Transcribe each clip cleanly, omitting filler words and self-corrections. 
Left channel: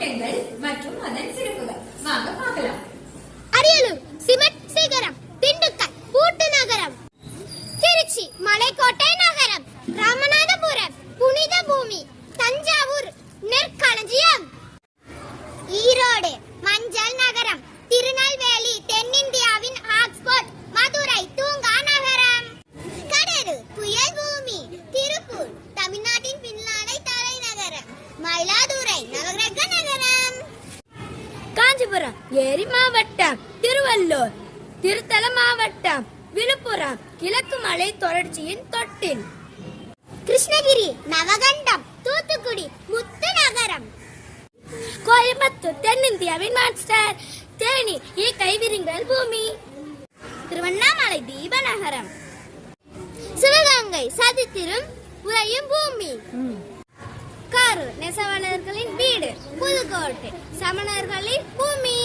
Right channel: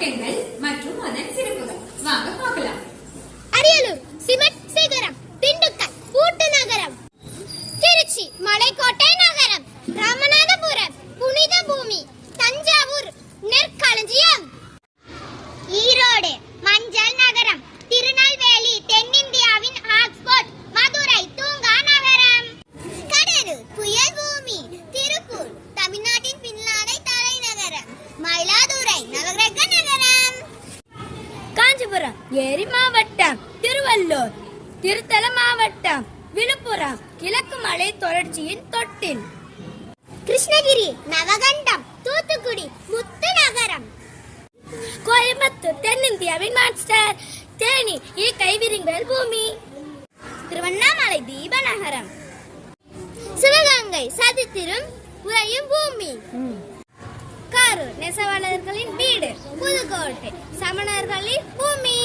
மாவட்டங்கள் மற்றும் அதன் சிறப்புகள் வாங்க பார்க்கலாம். அரியலூர் சிமெண்ட் சிகரம், திண்டுக்கல் கூட்டு நகரம், திருச்சி மலைக்கோட்டை நகரம், ராமநாதபுரம் புனித பூமி, தஞ்சாவூர் நெற்களஞ்சியம், ஈரோடு மஞ்சள் நகரம், திருநெல்வேலி தென்னிந்தியாவின் ஆக்ஸ்போர்ட், மதுரை தூங்கா நகரம், கடலூர் புயல் பூமி, திருப்பூர் தமிழ்நாட்டின் பின்னாடை தலைநகரம், மயிலாடுதுறை நவகிரக நகரம், காஞ்சிபுரம் ஏரி மாவட்டம், திருவள்ளூர் திருத்தல மாவட்டம், விழுப்புரம் கிழக்கு மலை தொடர்ச்சியின் தொட்டில், கிருஷ்ணகிரி நவகண்டம், தூத்துக்குடி முத்து நகரம், கோயம்புத்தூர் தென்னிந்தியாவின் மாஸ்டர், தேனி கைவிரிங்கள் பூமி, திருவண்ணாமலை தீப நகரம், சிவகங்கை சதித்திரும் உறையும் பூமி, கரூர் நெசவாளர்களின் வீடு, புதுக்கோட்டை சமணர்களின் பூமி,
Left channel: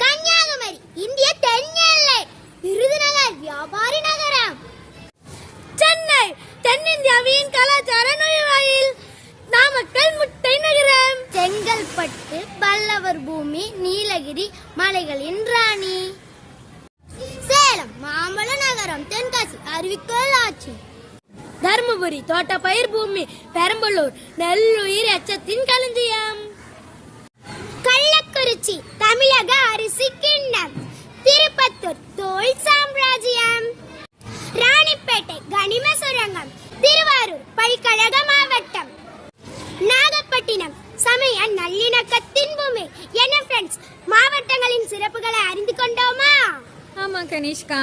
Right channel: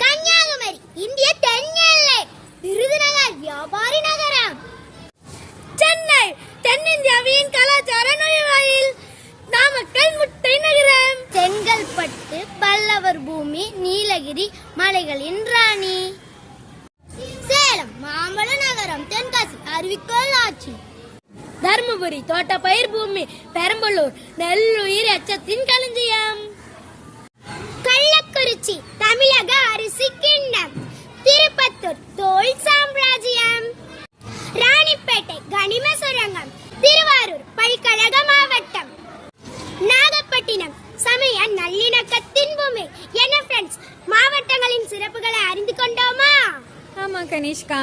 கன்னியாகுமரி இந்திய தென் எல்லை, விருதுநகர் வியாபாரி நகரம், சென்னை தென்னிந்தியாவின் கலாச்சார நுழைவாயில், நாமக்கல் முட்டை நகரம், செங்கல்பட்டு பல்லவர் பூமி, நீலகிரி மலைகளின் ராணி, சேலம் மாம்பழ நகரம், தென்காசி அறிவிக்கோள் ஆட்சி, தருமபுரி தோட்டப்பயிர் பூமி, பெரம்பலூர் நெல்லுயிர் எச்சத்தின் களஞ்சியம், கள்ளக்குறிச்சி தமிழக அரிசி கிண்ணம், திருப்பத்தூர் தோல் சாம்ராஜ்யம், ராணிப்பேட்டை கனிம சுரங்கம், திருவாரூர் பல்கழக மாவட்டம், நாகப்பட்டினம் சமய நல்லிணக்கத்தின் பூமி. என்ன ஃப்ரெண்ட்ஸ், மாவட்டங்களின் சிறப்புகளை அறிந்து கொண்டோமா? ஆமா கனிஷ்கா.